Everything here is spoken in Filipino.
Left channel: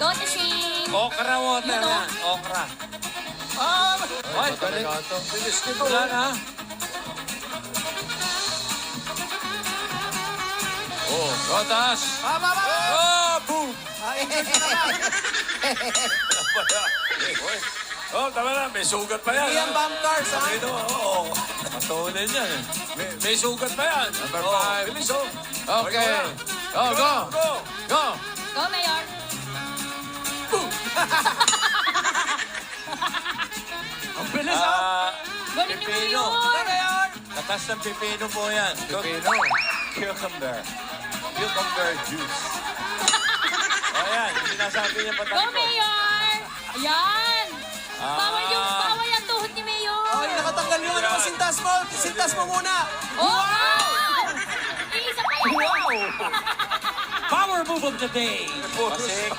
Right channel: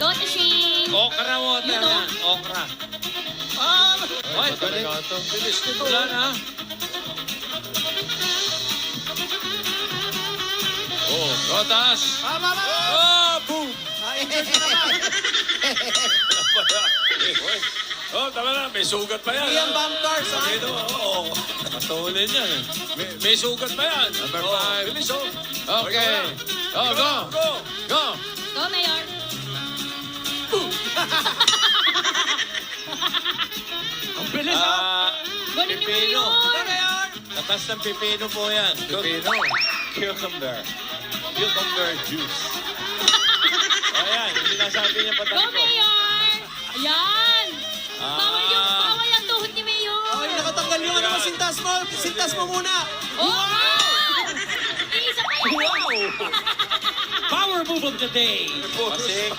Dotishing. Okra water You know? yan. Okra. Ay, galing. Bilis ko to. Wala na. Oh, rotas. Oh, boom. Oh, tama na. May sugat pa yan. Yung bump cars, ha? Dito, oo. Patuloy yan eh. May sugat pa yan. Number Oh, 5. bilis oh. Okay. Oh, go. Go. Go. Go, Mayor. Ang bilis, ha? Galing ni Pipino. Mayor. Katas ng pipino po yan. Pipino. Cucumber. Cucumber juice. O yan, yung sinasabi niya Go, patatlo. Mayor. Ayan. Bawal yung tuhod ni Mayor. Ay, nakatanggal yung ano mo, sintas mo. Sintas mo muna. Oh, wow! Iisa pa yan. Power move of the day. Pasikat.